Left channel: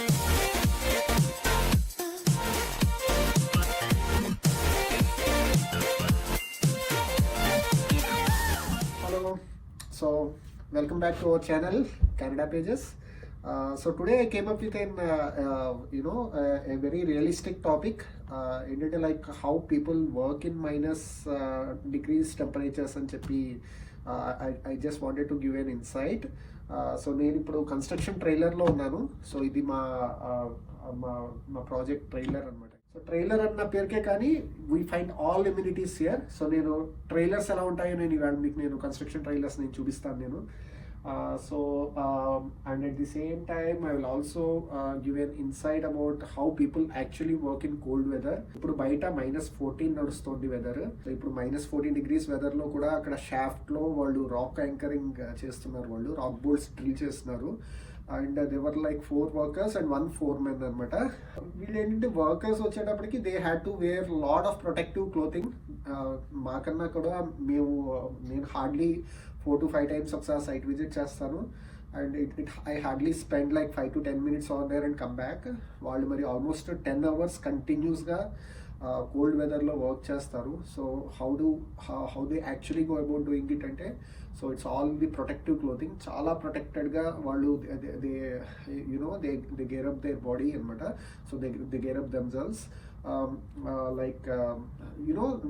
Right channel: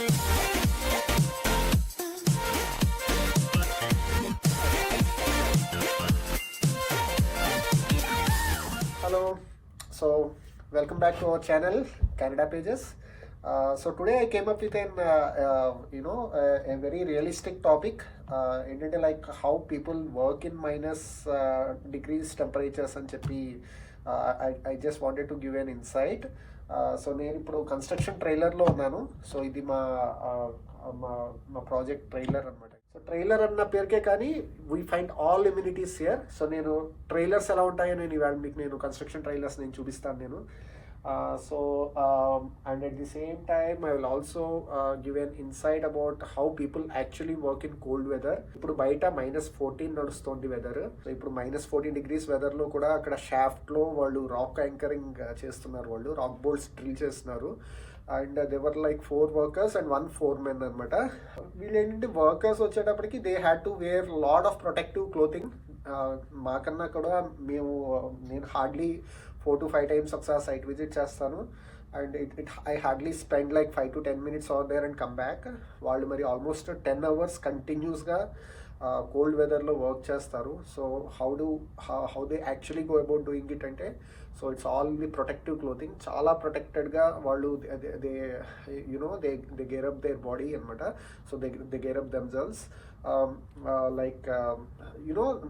Hello, so welcome back to our channel, Canada Pages. So today I came up with a very realistic topic. ఏంటంటే like how people work in minus degrees temperatures అని చెప్పి I just wanted to give an insight. So నేను ఇప్పుడు కన్స్ట్రక్షన్ ట్రైలర్లో ఉన్నాను. సో ఇది మా మా ప్రాజెక్ట్ ట్రైలర్ అనమాట. సో ట్రైలర్ అన్న పేరుకే కానీ we find all amenities here. So నేను ట్రైలర్స్ ఎలా ఉంటాయో నేను ఇవాళ మీకు నేను కన్స్ట్రక్షన్ ట్రైలర్స్ నేను చూపిస్తాను నేను. And at the same time I will also give an insight about how people actually work in cold weather. ఇప్పుడు బయట -14 నడుస్తుంది వెదర్. సో ఇప్పుడు -14 degrees వెదర్ లో కూడా అక్కడ షాఫ్ట్ లో వాళ్ళు రాక్ యాంకరింగ్ చేస్తున్నారు, వాళ్ళు రాక్ బోల్ట్స్ డ్రిల్ చేస్తున్నారు. And they were like 4 workers and 1 foreman అనమాట. వీళ్ళు ఏంటంటే వర్కర్స్ వచ్చేటప్పటికి they had to wear lot of protective clothing. మాకన్నా కూడా నేను హార్డ్లీ 4 to 5 times ఒకసారి సైట్ విజిట్ చేస్తాను. And I hardly spend like 5 to 10 minutes on there and come back. వాళ్ళు మరి ఆల్మోస్ట్ 10 hours కంటిన్యూస్గా కోల్డ్ వెదర్లో వర్క్ చేస్తారు. So how they actually go about doing it అంటే, so it's all the protective clothing. చాలా ప్రొటెక్టెడ్గా వాళ్ళు they gear up their body అనమాట. So they gear up themselves. Like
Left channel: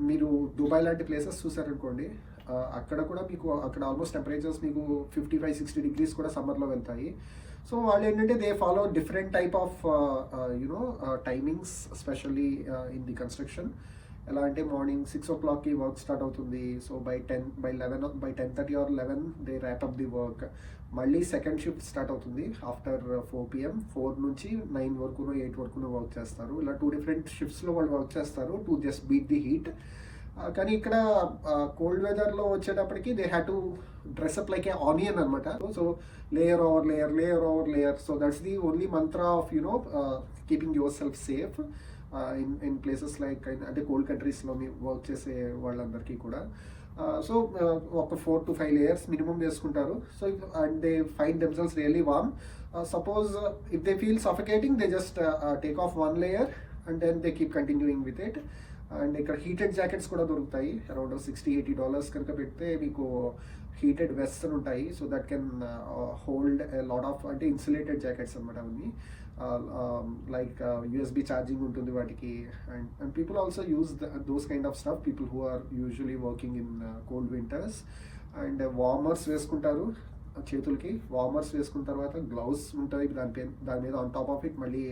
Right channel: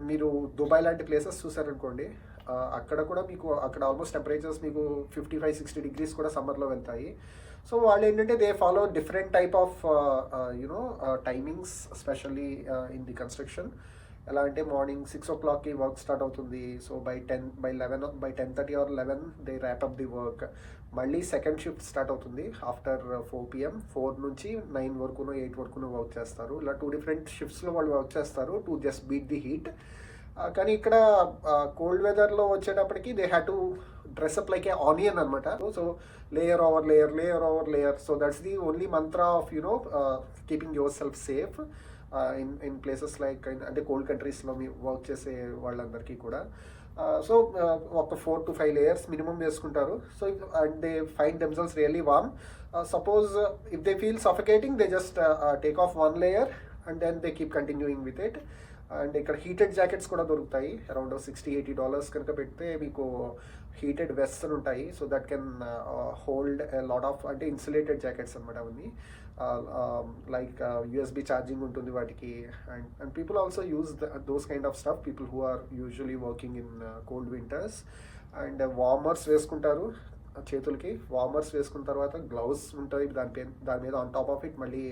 మీరు దుబాయ్ లాంటి ప్లేసెస్ చూసారనుకోండి, అక్కడ కూడా మీకు అక్కడ ఆల్మోస్ట్ టెంపరేచర్స్ మీకు 55-60 degrees కూడా సమ్మర్లో వెళ్తాయి. సో వాళ్ళు ఏంటంటే they follow different type of timings, especially in the construction. ఎలా అంటే మార్నింగ్ 6 o'clockకి వర్క్ స్టార్ట్ అవుతుంది. సో బై 10:30 or 11 they wrap up the work. మళ్ళీ సెకండ్ షిఫ్ట్ స్టార్ట్ అవుతుంది ఆఫ్టర్ 4 PM. 4 నుంచి 9 వరకునో 8 వరకునో వర్క్ చేస్తారు. ఇలా 2 different షిఫ్ట్స్లో వాళ్ళు వర్క్ చేస్తారు to just beat the heat. కానీ ఇక్కడ కోల్డ్ వెదర్లో వచ్చేటప్పటికి they had to dress up like a onion అనమాట. So layer over layer, layer over layer. So that's the only mantra of keeping your self safe in places like అంటే cold కంట్రీస్లో work చేసే వాళ్ళందరికీ కూడా. సో ఒక 4 to 5 layers మినిమం వేసుకుంటారు. So and they find themselves really warm. Suppose if they feel suffocating they just take off 1 layer and then they keep continuing with it. And ఇక్కడ heated jackets కూడా దొరుకుతాయి. అరౌండ్ $60-80 కనుక పెడితే మీకు heated vests అని ఉంటాయి. So that can hold lot of అంటే insulated jackets అనమాట అవన్నీ. లైక్ USB ఛార్జింగ్ ఉంటుంది వాటికి. And people also use those kind of stuff, people who are usually working in cold winters. And warmers వేసుకుంటారు చేతులకి. Warmers వేసుకున్న తర్వాత గ్లౌస్ ఉంటుంది దాని మీద ఆన్ టాప్ ఆఫ్ ఇట్ మళ్ళీ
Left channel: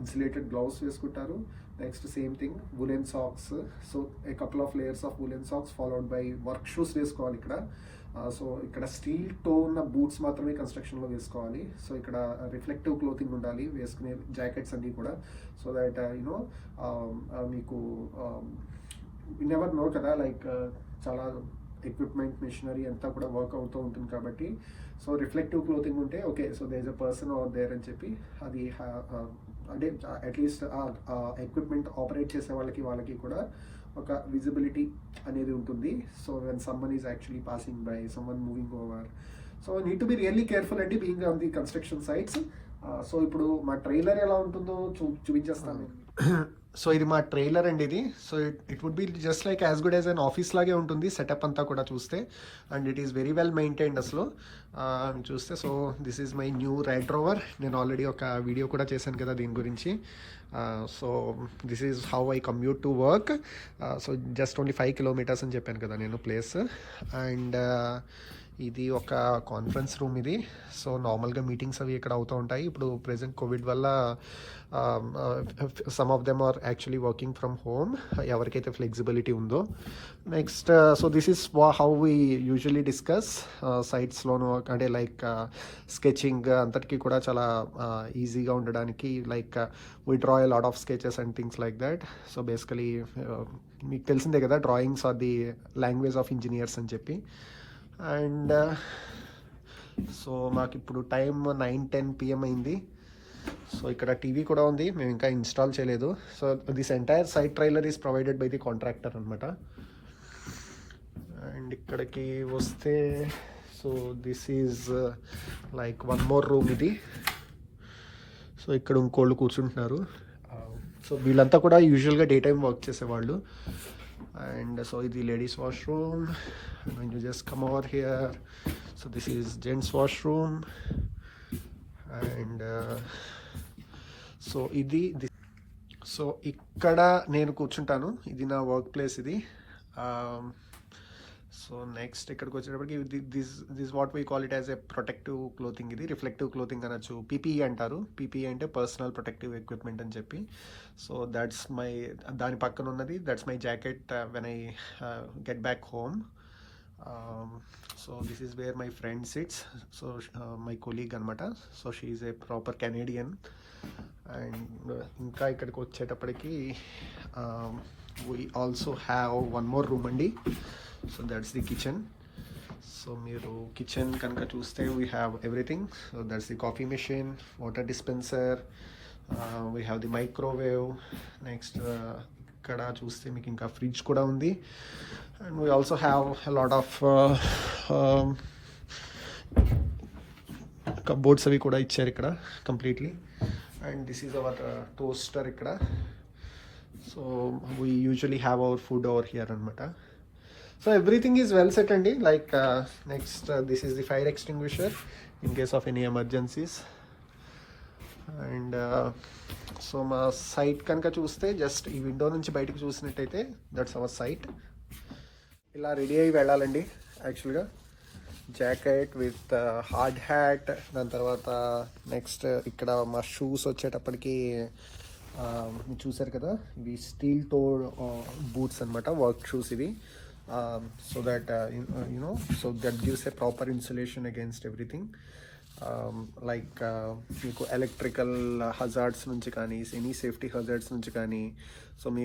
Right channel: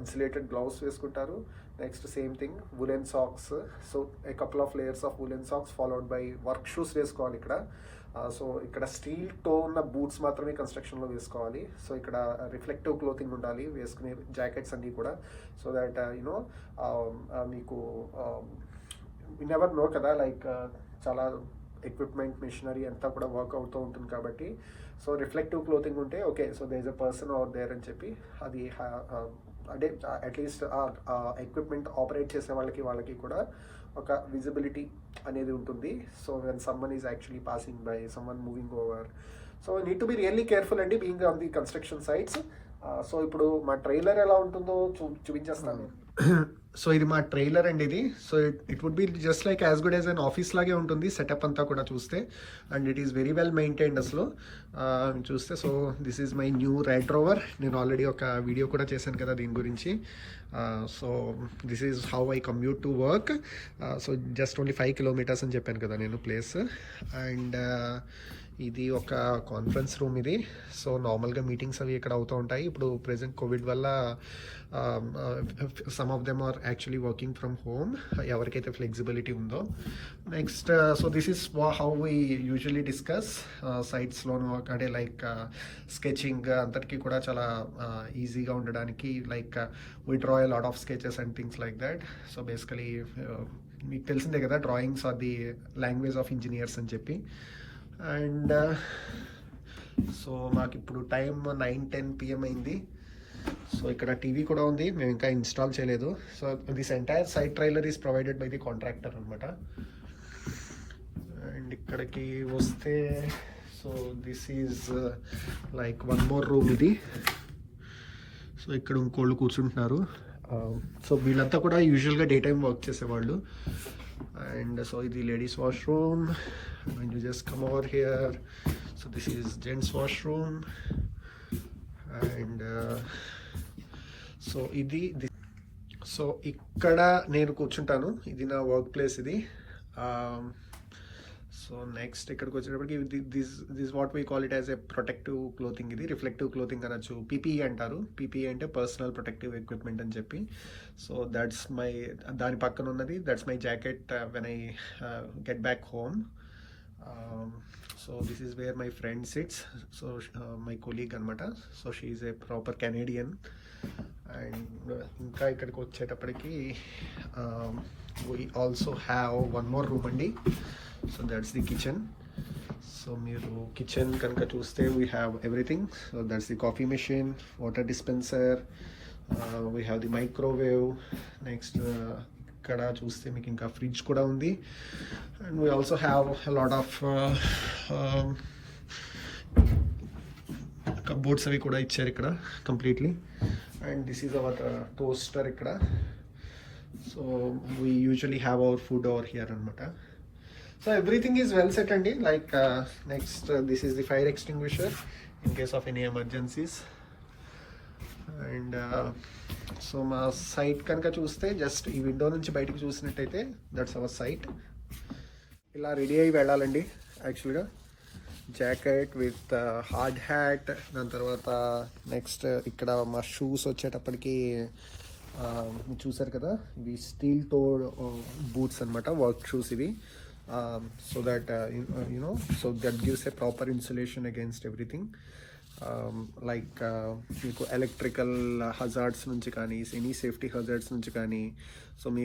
ఇన్సులేటెడ్ గ్లౌస్ వేసుకుంటారు. Next same thing woollen socks. So a couple of layers of woollen socks followed by work shoes వేసుకోవాలి ఇక్కడ. సో ఇక్కడ స్టీల్ టో ఉన్న బూట్స్ మాత్రమే కన్స్ట్రక్షన్లో వేసుకోవాలి. సో ఇక్కడ రిఫ్లెక్టివ్ క్లోతింగ్ ఉండాలి వేసుకునే జాకెట్స్ అన్నీ కూడా. సో దట్ మీకు నెవర్ నో కదా, లైక్ చాలా ఎక్విప్మెంట్ మెషినరీ అంతా కూడా వర్క్ అవుతూ ఉంటుంది కాబట్టి. సో రిఫ్లెక్టివ్ క్లోతింగ్ ఉంటే okay, so there is a person out there అని చెప్పి అది అంటే అట్లీస్ట్ ఎక్విప్మెంట్ ఆపరేట్ చేసే వాళ్ళకి కూడా ఒక విజిబిలిటీ అనేది ఉంటుంది. So when someone is actually passing by, someone moving over. So need to be really careful అండి being on the construction sites. So ఇప్పుడు మా ట్రైలర్ ఎలా ఉంటుందో చూపించేస్తాను. సో ఇది మా ట్రైలర్ అండి ఇది. So it would be just like as good as an office లాగే ఉంటుంది సెటప్ అంతా కూడా చూస్తే. And it is very well maintained అసలు చూస్తే. So this is my new ride rover. నేను ఆల్రెడీ ఒక వీడియో కూడా చేశాను కదా దీని గురించి. So this is how I commute to work. So just only 5 kilometers అని చెప్పాను కదా నేను ప్లేస్. అండ్ ఇది ఒక కాన్ఫరెన్స్ రూమ్ ఇది. సో నార్మల్గా మీటింగ్స్ అవి ఇక్కడ అవుతూ ఉంటాయి. ఇప్పుడు ప్రెసెంట్ కోవిడ్ వల్ల some of them are actually working from home, ఎవరికైతే ఫ్లెక్సిబిలిటీ ఉందో. Next so this is how we usually discuss సైట్స్లోను. అంటే లైక్ స్కెచింగ్ అంతటికీ కూడా చాలా ఈజీగా ఉండడానికి like we draw a lot of sketches and things like that. So basically మీకు తెలిసిందే కదా, drawings are the language of engineers అని చెప్పి. అండ్ సో మాకు ఇప్పుడు టైం 9-10 PM అయింది. సో ఇక్కడ టీవీ కూడా ఉంది, మేము ఇంకా ఇన్స్టాల్ చేయలేదు. So this entire site trailer is provided by the contractor అనమాట. అండ్ ఇక్కడికి వస్తే so this is like one more room ఇది. సో ఇక్కడ ఇంకోళ్ళు కూర్చుంటున్నారు. సో వీళ్ళంతా కూడా యూజువల్గా డే టైం వర్క్ చేసేవాళ్ళు. అండ్ సో ఇది ladies washroom. when you just come over here, so this is gents washroom. And so ఇది సో ఇక్కడ నేను కూర్చుంటాను, ఇది నా వర్క్ ప్లేస్ ఇది. సో నెక్స్ట్ ఇక్కడికి వచ్చేటప్పటికి this what we call it as a protective clothing. ఇది రిఫ్లెక్టివ్ క్లోతింగ్ అనొచ్చు, పీపీఈ అంటారు. పీపీఈ అంటే పర్సనల్ ప్రొటెక్టివ్ ఎక్విప్మెంట్ అని చెప్పి. సో దట్స్ మై, దాని పక్కన ఉన్నది that's my jacket when I get back home. So this is where my friend sits. So my colleague అనమాట. So she is a proper Canadian. And ఇంకా ఇక్కడికి వచ్చేటప్పటికి we also have one more room అండి. So that's the kitchen. So మీరు kitchen కనుక చూస్తే we have everything. So that's the coffee machine, water dispenser, we have the microwave. Next ఇక్కడ చూస్తే మీకు ఇంకా ఫ్రిడ్జ్ కూడా ఉంది. And we also have lot of cupboards అవి కూడా ఇచ్చారు ఇక్కడ completely. And this is our toaster ఇక్కడ. So we usually have our food over here అనమాట. So everything is well set అండి. Like next this is the fire extinguisher in case of any emergencies. And so మా సైట్ కనుక చూస్తే జస్ట్ ఈ విండో నుంచి బయటకు చూసినట్టయితే దట్స్ అవర్ సైట్. ఇలా రెడీ అయ్యి వెళ్ళాలండి యాక్చువల్గా. జాకెట్ విత్ హార్డ్ హ్యాట్, దాని తర్వాత నెక్స్ట్ ఇక్కడ మా షూస్ వచ్చేటప్పటికి చూసారు కదా, ఇవి స్టీల్ టో బూట్స్ అనమాట, వర్క్ షూస్ ఇవి. So that so that gives a proper insulation against everything, like మీకు ఎలక్ట్రికల్ హజార్డ్స్ నుంచి కానీ, ఎనీ సేఫ్టీ హజార్డ్స్ నుంచి కానీ. సో మీ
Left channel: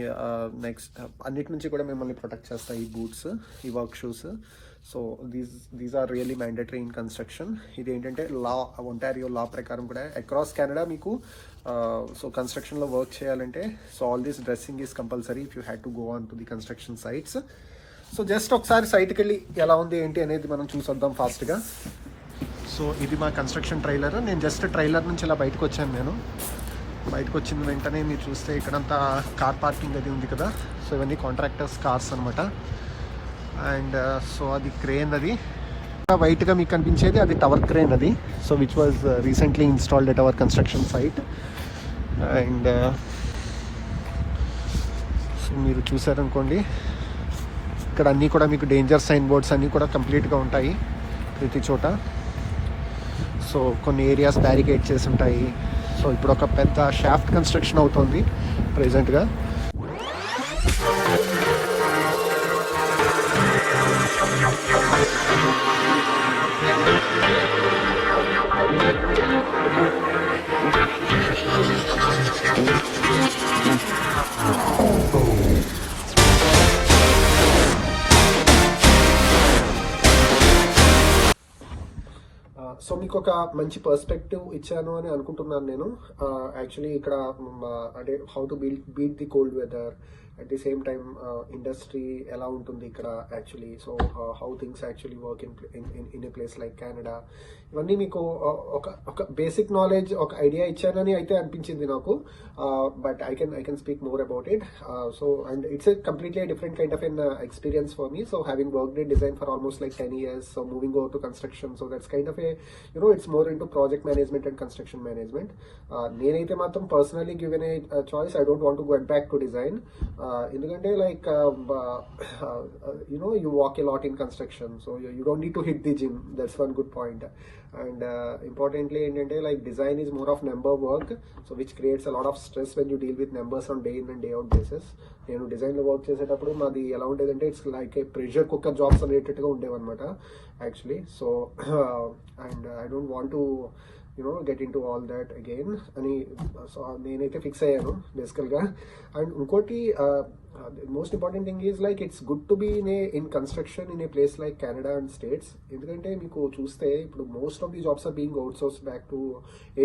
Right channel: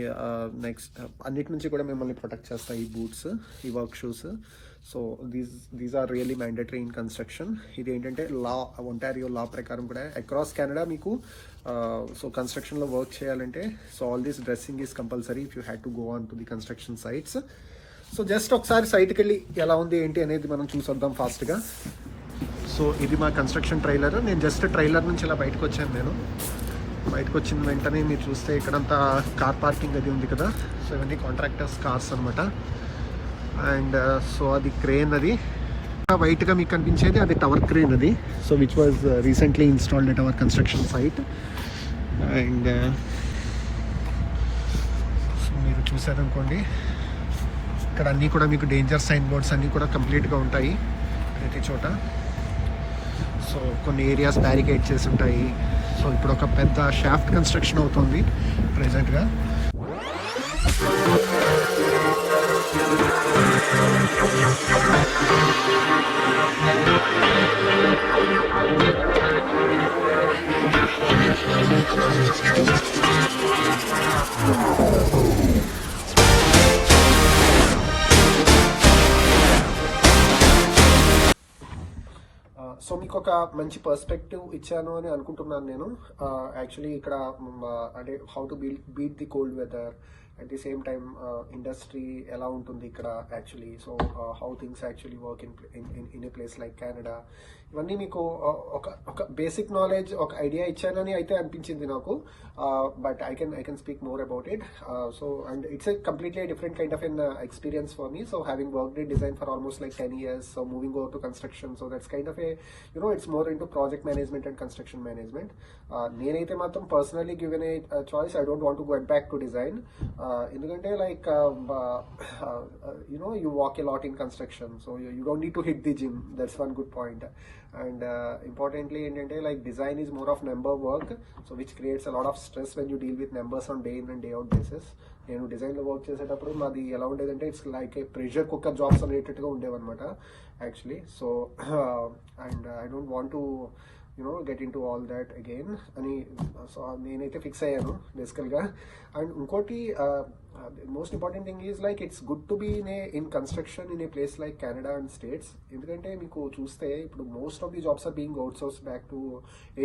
నెక్స్ట్ అన్నిటి నుంచి కూడా మిమ్మల్ని ప్రొటెక్ట్ చేస్తాయి ఈ బూట్స్, ఈ work shoes. So these are really mandatory in construction. ఇది ఏంటంటే ఒంటారియో లా ప్రకారం కూడా అక్రాస్ కెనడా మీకు సో కన్స్ట్రక్షన్లో వర్క్ చేయాలంటే so all this dressing is compulsory if you had to go on to the construction sites. So just ఒకసారి సైట్కి వెళ్ళి ఎలా ఉంది ఏంటి అనేది మనం చూసొద్దాం ఫాస్ట్గా. సో ఇది మా కన్స్ట్రక్షన్ ట్రైలర్. నేను జస్ట్ ట్రైలర్ నుంచి ఇలా బయటకు వచ్చాను. నేను బయటకు వచ్చిన వెంటనే మీరు చూస్తే ఇక్కడంతా కార్ పార్కింగ్ అది ఉంది కదా. సో ఇవన్నీ కాంట్రాక్టర్స్ కార్స్ అనమాట. అండ్ సో అది క్రేన్, అది వైట్గా మీకు కనిపించేది అది టవర్ క్రేన్ అది. So which was recently installed at our construction site. And so మీరు చూసారనుకోండి, ఇక్కడ అన్నీ కూడా మీకు డేంజర్ సైన్ బోర్డ్స్ అన్నీ కూడా కంప్లీట్గా ఉంటాయి ప్రతి చోట. సో కొన్ని ఏరియాస్ బ్యారికేడ్ చేసి ఉంటాయి. సో ఇప్పుడు ఒక పెద్ద షాఫ్ట్ కన్స్ట్రక్షన్ అవుతుంది ప్రెజెంట్గా. సో మీకు ఒక మంచి పర్స్పెక్టివ్ ఇచ్చాను అని అనుకుంటున్నాను నేను. యాక్చువల్లీ ఇక్కడ అంటే how to beat the cold weather, at the same time industry ఎలా ఉంటుంది ఇక్కడ actually. So how things actually work in a place like Canada. ఇవన్నీ మీకు ఒక బేసిక్ నాలెడ్జ్, ఒక ఐడియా ఇచ్చానని అయితే అనిపించింది నాకు. But I can speak more about it. So and it's a completely different kind of an experience for me. So having worked in design for almost like 10 years, so moving over to construction, so that's kind of a, it's more into project management and construction management. నేనైతే మాత్రం personally given a choice, I don't want to go back to design. ఎందుకంటే like you walk a lot in construction, so you don't need to hit the gym. That's one good point. And importantly ఏంటంటే like design is more of number work, so which creates a lot of stress when you deal with numbers on day in and day out basis. నేను డిజైన్లో వర్క్ చేసేటప్పుడు మాది ఎలా ఉండేదంటే it's like a pressure cooker jobs అనేటట్టుగా ఉండేవన్నమాట actually. So and I don't want to get in to all that again అని so నేనైతే ఫిక్స్ అయ్యాను బేసికల్గా. అండ్ ఇంకోటి most important thing is like it's good to be in construction in a place like Canada and States. ఎందుకంటే మీకు చూస్తే ఇప్పుడు most of the jobs are being outsource back to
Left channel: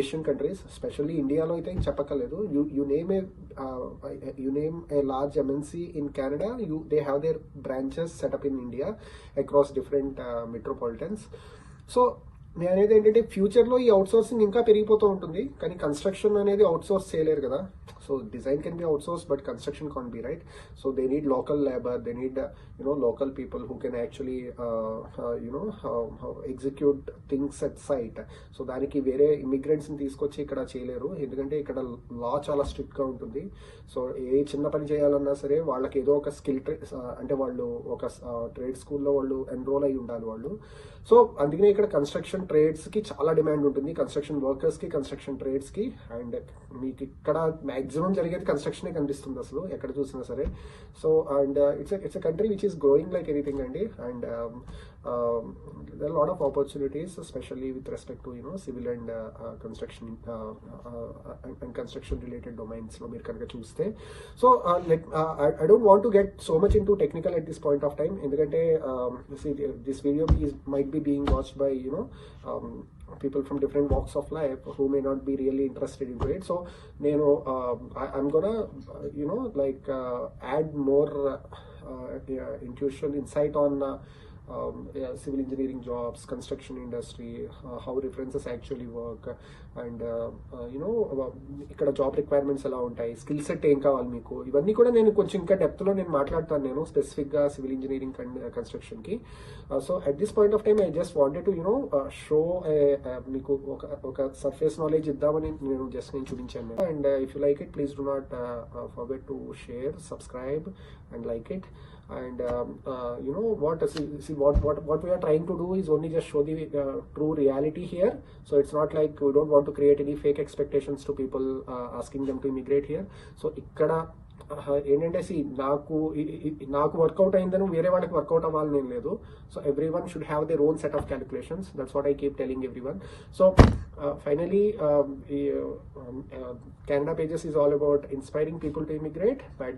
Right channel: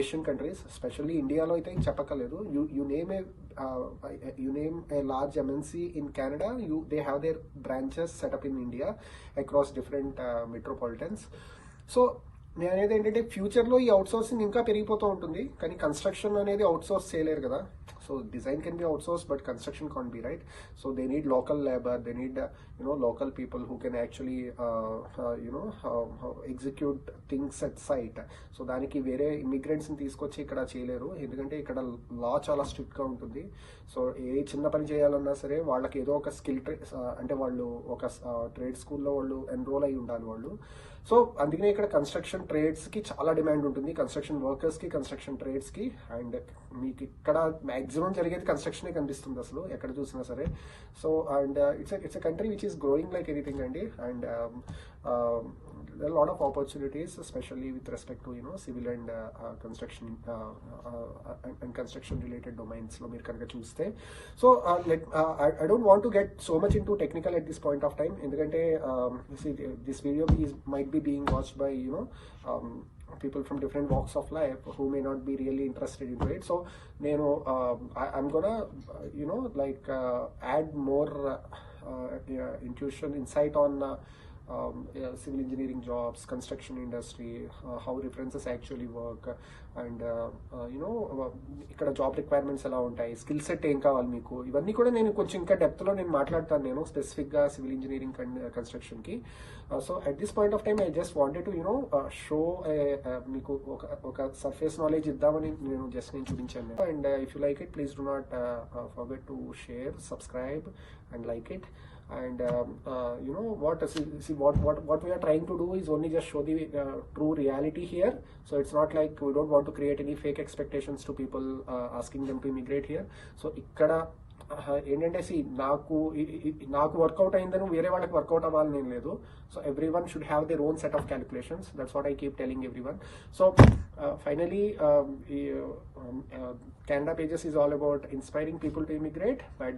Asian countries, especially ఇండియాలో అయితే చెప్పక్కర్లేదు. You name a large MNC in Canada, they have their branches set up in India across different metropolitans. So నేను అనేది ఏంటంటే ఫ్యూచర్లో ఈ out sourcing ఇంకా పెరిగిపోతూ ఉంటుంది, కానీ కన్స్ట్రక్షన్ అనేది అవుట్ సోర్స్ చేయలేరు కదా. So design can be out source but construction can't be, right? So they need local labour, they need local people who can actually execute things at site. So దానికి వేరే ఇమిగ్రెంట్స్ని తీసుకొచ్చి ఇక్కడ చేయలేరు, ఎందుకంటే ఇక్కడ లా చాలా స్ట్రిక్ట్గా ఉంటుంది. సో ఏ చిన్న పని చేయాలన్నా సరే వాళ్ళకి ఏదో ఒక స్కిల్ అంటే వాళ్ళు ఒక ట్రేడ్ స్కూల్లో వాళ్ళు ఎన్రోల్ అయి ఉండాలి వాళ్ళు. సో అందుకనే ఇక్కడ కన్స్ట్రక్షన్ ట్రేడ్స్ కి చాలా డిమాండ్ ఉంటుంది, కన్స్ట్రక్షన్ వర్కర్స్ కి, కన్స్ట్రక్షన్ ట్రేడ్స్ కి. అండ్ మీకు ఇక్కడ మాక్సిమం జరిగేది కన్స్ట్రక్షనే కనిపిస్తుంది అసలు ఎక్కడ చూసినా సరే. So and it's a country which is growing like anything అండి. And there are a lot of opportunities, especially with respect to civil and construction and construction related domains lo meer kanaka chuste. So I don't want to get so much into technical at this point of time, endukante see this video might be being watched by people from different walks of life who may not be really interested into it. So I'm gonna add more intuition, insight on civil engineering jobs, construction industry, how references actually work, and ఇక్కడ job requirements ఎలా ఉంటాయి, skill set ఏం కావాలి మీకు, ఇవన్నీ కూడా నేను కొంచెం ఇంకా డెప్త్లో నేను మాట్లాడతాను నేను స్పెసిఫిక్గా సివిల్ ఇంజనీరింగ్ అండ్ కన్స్ట్రక్షన్కి. So at this point of time I just wanted to show మీకు ఒక సర్ఫేస్ నాలెడ్జ్ ఇద్దామని నేను చూపించాను. And if you like it, please do not forget to share, subscribe and like it. And what we are trying to do is only just show the true reality here. So it's not like we don't want to create any fake expectations to people asking them to immigrate here. So ikkada ఏంటంటే నాకు వర్కౌట్ అయిందని వేరే వాళ్ళకి వర్కౌట్ అవ్వాలని ఏం లేదు. So every one should have their own set of calculations. That's what I keep telling every one. So finally Canada Pages is all about inspiring people to immigrate, but